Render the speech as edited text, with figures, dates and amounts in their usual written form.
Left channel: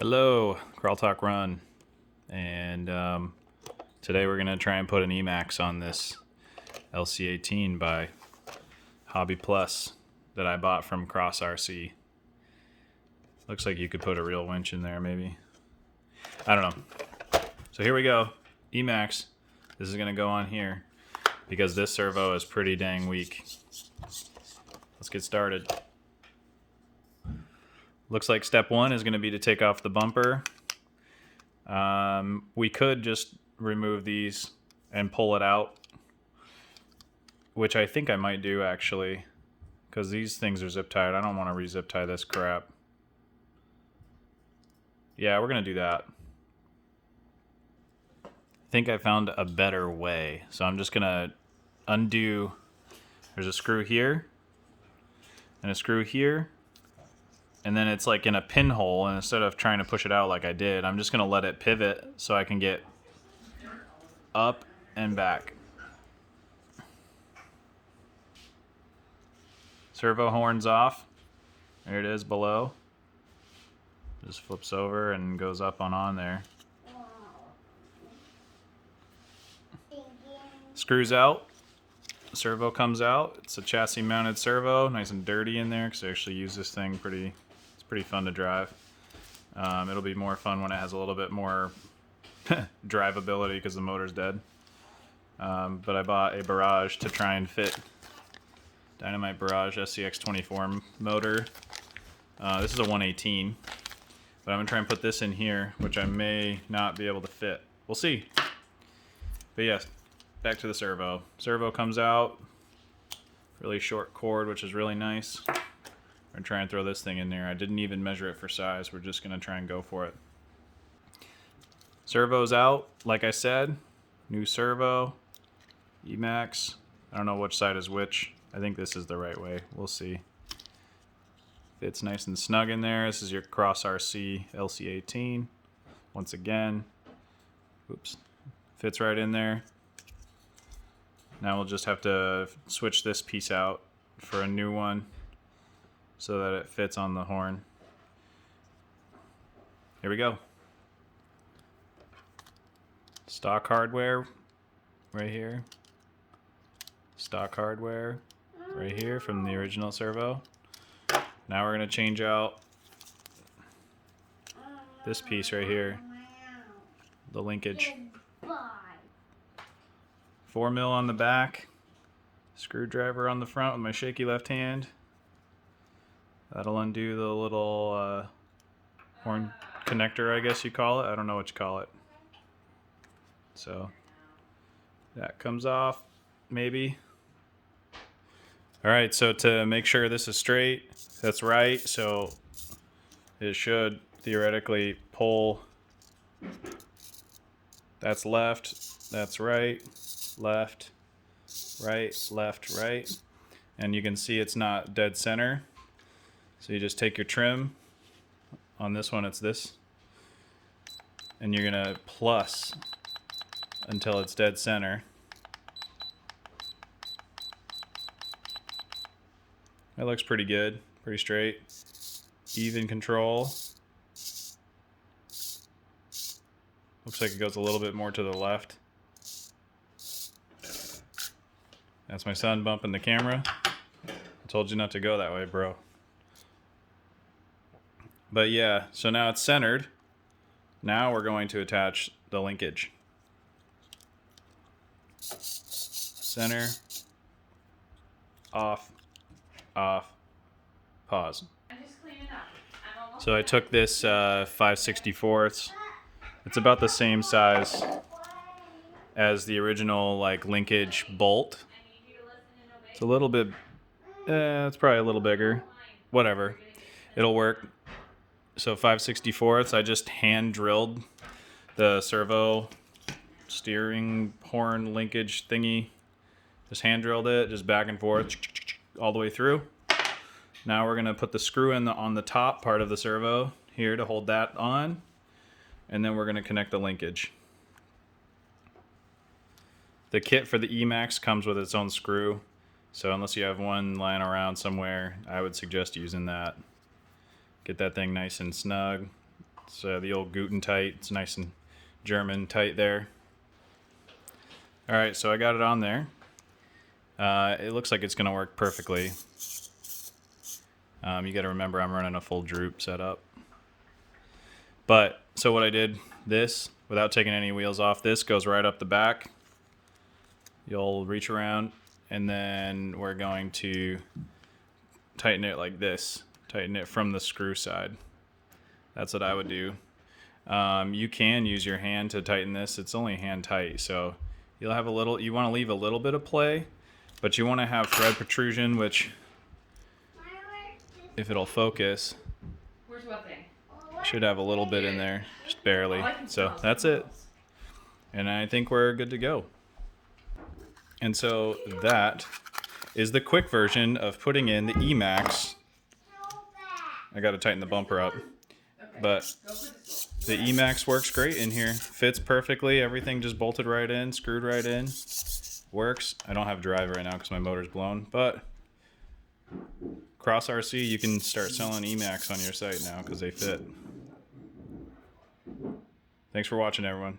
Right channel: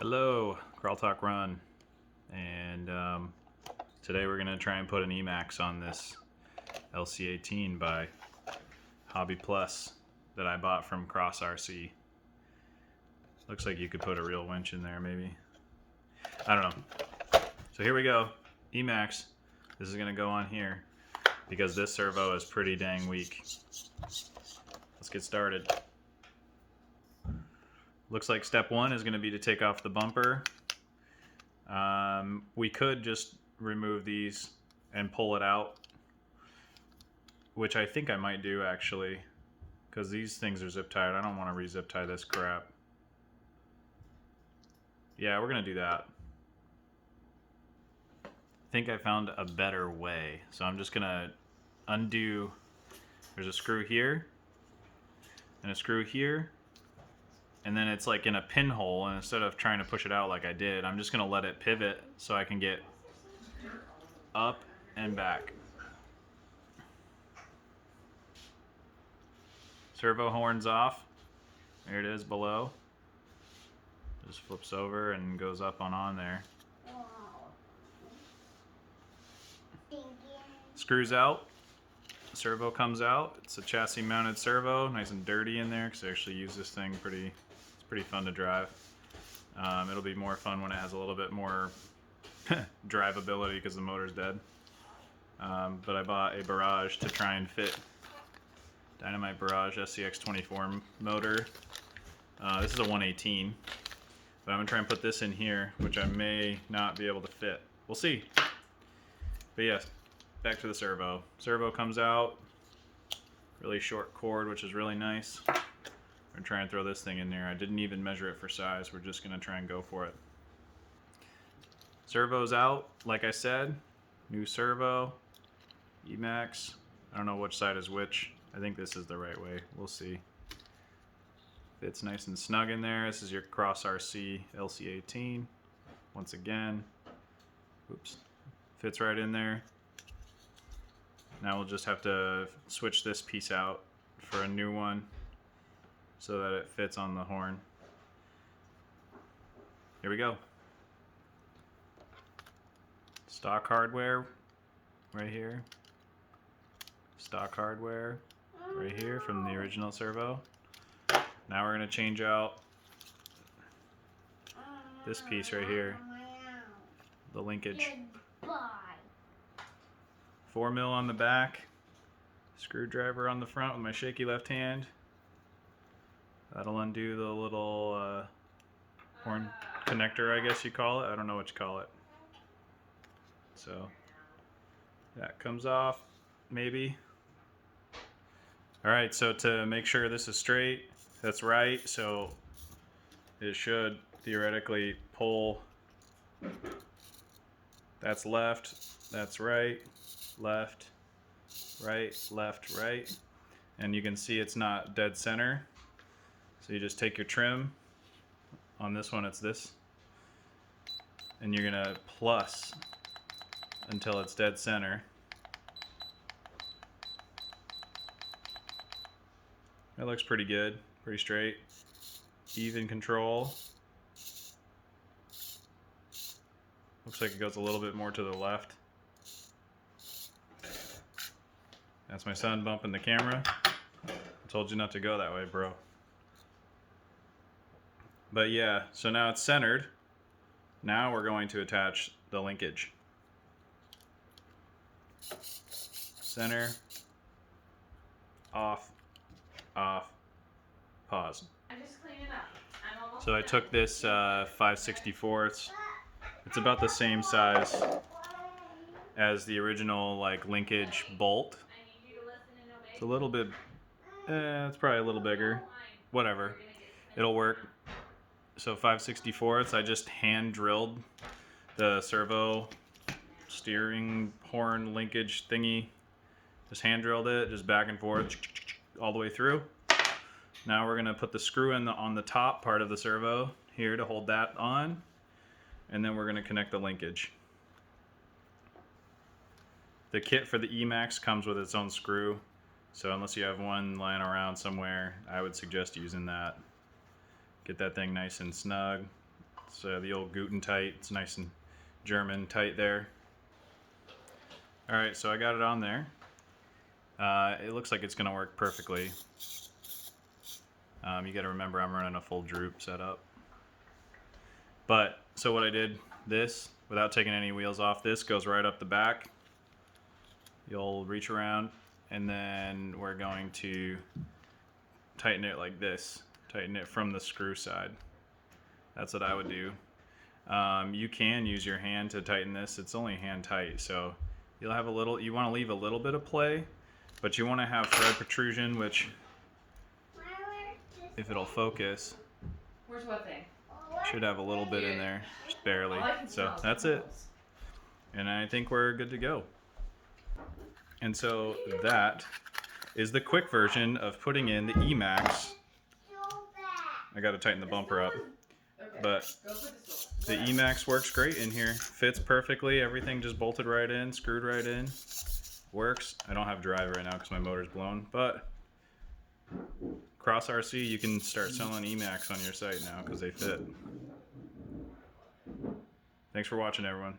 Hello, Crawl Talk Run, and today we're going to try and put an emax on this LC18 by Hobby Plus that I bought from Cross RC. Looks like you could put a real winch in there maybe. I don't know. So here we go, emax. This is going to go on here because this servo is pretty dang weak. Let's get started. Looks like step one is going to be to take off the bumper. We could just remove these and pull it out, which I think I might do actually, because these things are zip tied. I don't want to re-zip tie this crap. Yeah, we're going to do that. I think I found a better way. So I'm just going to undo. There's a screw here and a screw here. And then it's like in a pinhole, and instead of trying to push it out like I did, I'm just going to let it pivot so I can get up and back. Servo horns off. There it is below. Just flips over and goes up on there. Screws out. Servo comes out. It's a chassis mounted servo, nice and dirty in there because I actually use this thing pretty fun to drive. It'll be more fun when it has a little bit more drivability because the motor's dead. But I bought a Barrage to try and fit Dynamite Barrage SCX24 motor. This is a 118, but I'm gonna try and put this in here, which I may not be able to fit. We'll see. But yes, back to the servo. Servo comes out, really short cord, which is really nice. I'm gonna try and throw this thing in there. I didn't even measure it for size. We're just gonna try and go for it. Servo's out, like I said. New servo, emax. I don't know which side is which. I think this is the right way. We'll see. Fits nice and snug in there. This is your Cross RC LC18. Once again, oops, fits right in there. Now we'll just have to switch this piece out for a new one so that it fits on the horn. Here we go. Stock hardware right here. Stock hardware right here from the original servo. Now we're going to change out this piece right here, the linkage. 4mm on the back, screwdriver on the front with my shaky left hand. That'll undo the little horn connector, I guess you call it. I don't know what you call it. So that comes off, maybe. All right, so to make sure this is straight, that's right. So it should theoretically pull. That's left, that's right, left, left, right. And you can see it's not dead center. So you just take your trim. On this one, it's this. And you're gonna plus until it's dead center. That looks pretty good, pretty straight. Even control. Looks like it goes a little bit more to the left. That's my son bumping the camera. I told you not to go that way, bro. But yeah, so now it's centered. Now we're going to attach the linkage. Center, off, pause. So I took this 5/64. It's about the same size as the original like linkage bolt. It's a little bit, it's probably a little bigger. Whatever, it'll work. So 5/64, I just hand drilled the servo steering horn linkage thingy. Just hand drilled it, just back and forth, all the way through. Now we're gonna put the screw in on the top part of the servo here to hold that on, and then we're gonna connect the linkage. The kit for the emax comes with its own screw, so unless you have one lying around somewhere, I would suggest using that. Get that thing nice and snug. It's the old Guten tight. It's nice and German tight there. All right, so I got it on there. It looks like it's gonna work perfectly. You got to remember I'm running a full droop setup. But so what I did, this without taking any wheels off, this goes right up the back. You'll reach around, and then we're going to tighten it like this. Tighten it from the screw side. That's what I would do. You can use your hand to tighten this. It's only hand tight, so you'll have a little. You want to leave a little bit of play, but you want to have thread protrusion, which, if it'll focus, should have a little bit in there, just barely. So that's it, and I think we're good to go. And so that is the quick version of putting in the Emax. I got to tighten the bumper up, but the Emax works great in here. Fits perfectly. Everything just bolted right in, screwed right in. Works. I don't have drive right now because my motor's blown, but Cross RC, you can start selling Emax on your site now because they fit. Thanks for watching, everyone.